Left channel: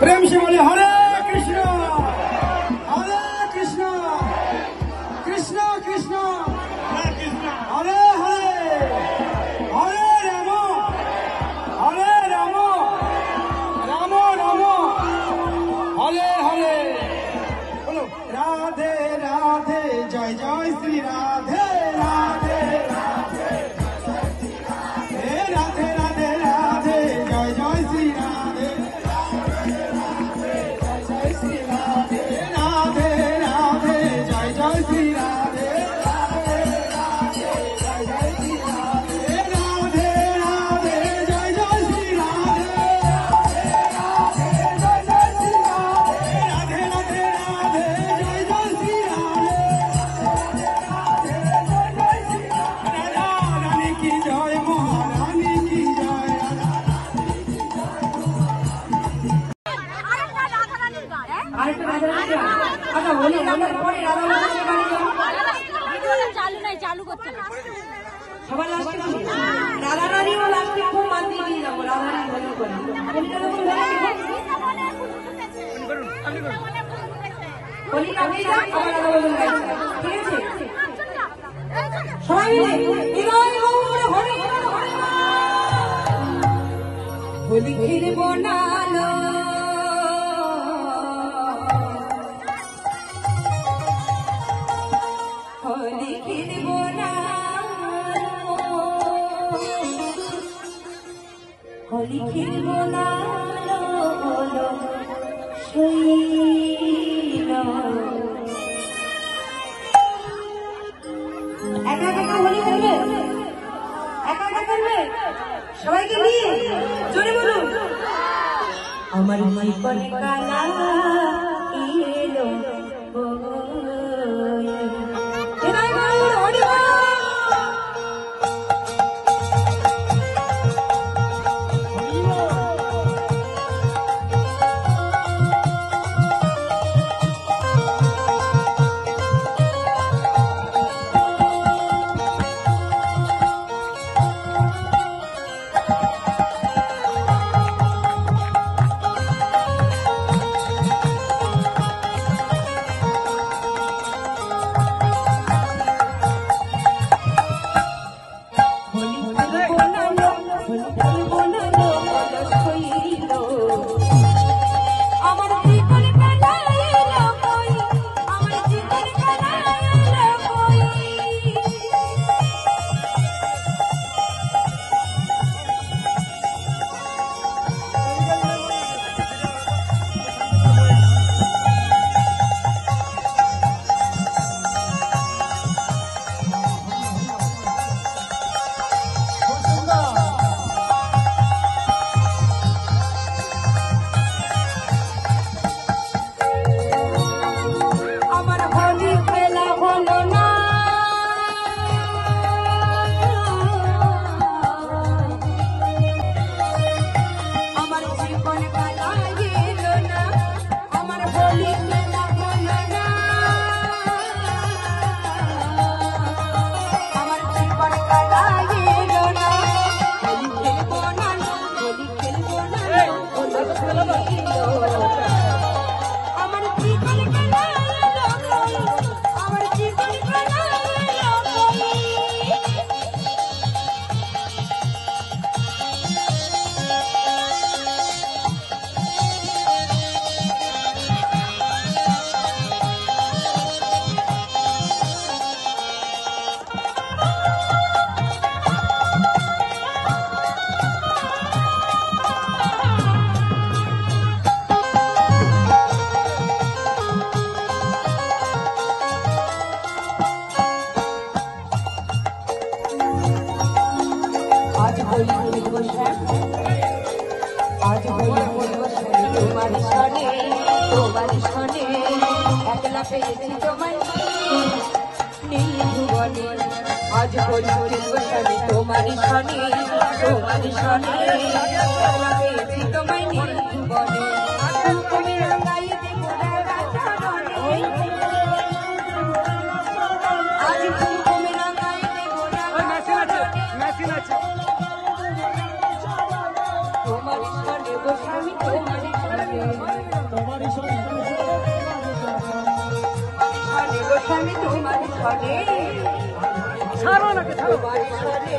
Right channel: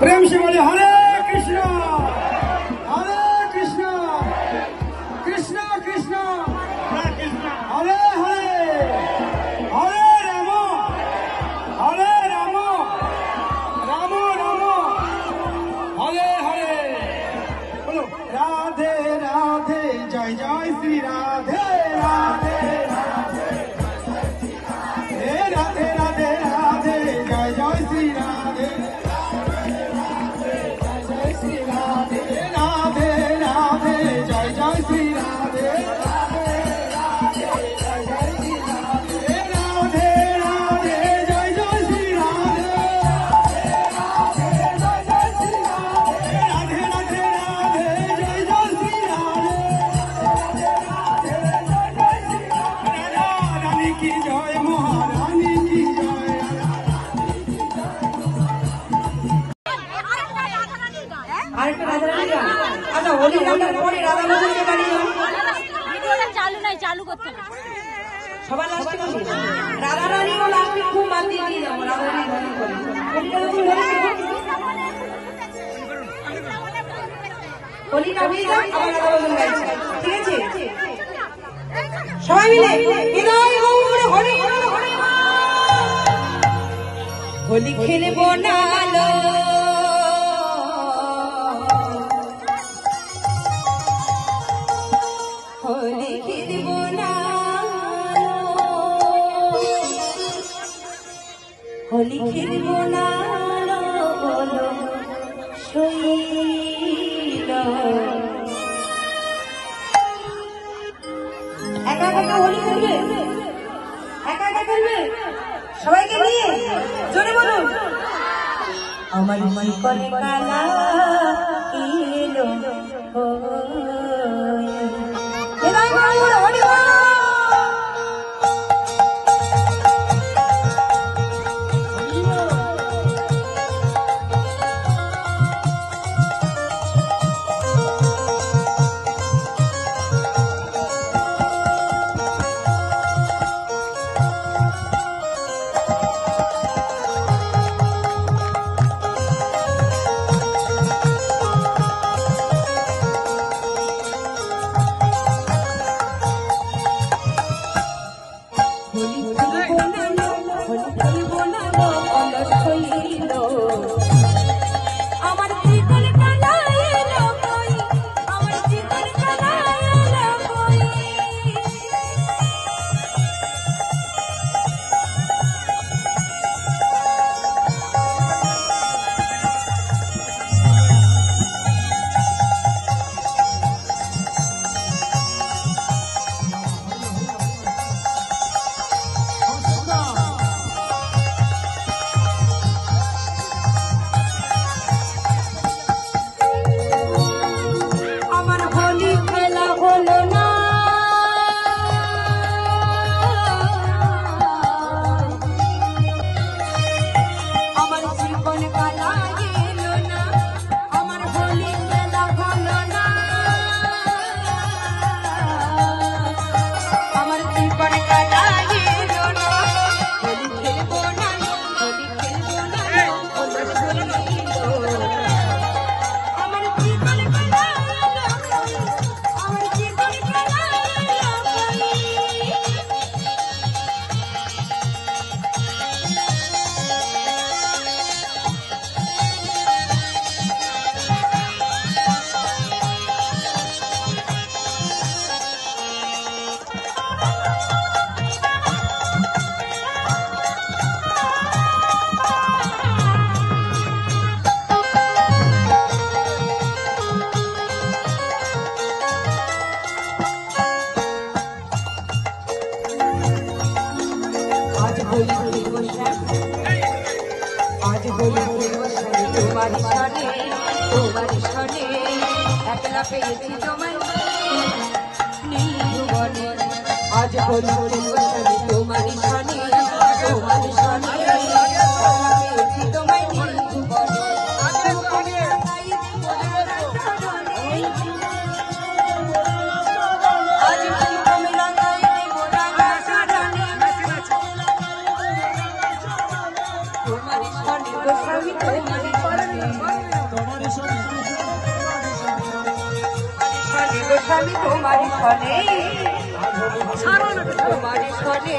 प्रेम से बोले हरे कृष्णा कृष्णा कृष्णा हरे हरे हरे राम राम राम हरे हरे बोलो राधे राधे जय जय श्री राधे राधे राधे राधे राधे राधे जय जय श्री राधे राधे राधे जय जय श्री राधे राधे राधे जय जय श्री राधे रानी की जय महारानी की जय चालू नहीं चालू करते সবার লাস্টে বলি রাধা রানী ও লাস্টে খুব বাদ দিয়ে দিয়ে যাবো রাধা রানী বলি না বলি না ঠিক আছে সবাই মিলে বিদায় গৌর হরি হোলি খেলবো না লো হোলি খেলবো না হোলি খেলবো না শৈল একা একা হোলি খেলবে একা একা খেলবে সবাইকে নিয়ে জোরে বলুন আমার জীবন কালা এলো বিদায় গৌর হরি গো স্বামী তোমার সনে গো স্বামী তোমার সনে তোমার সনে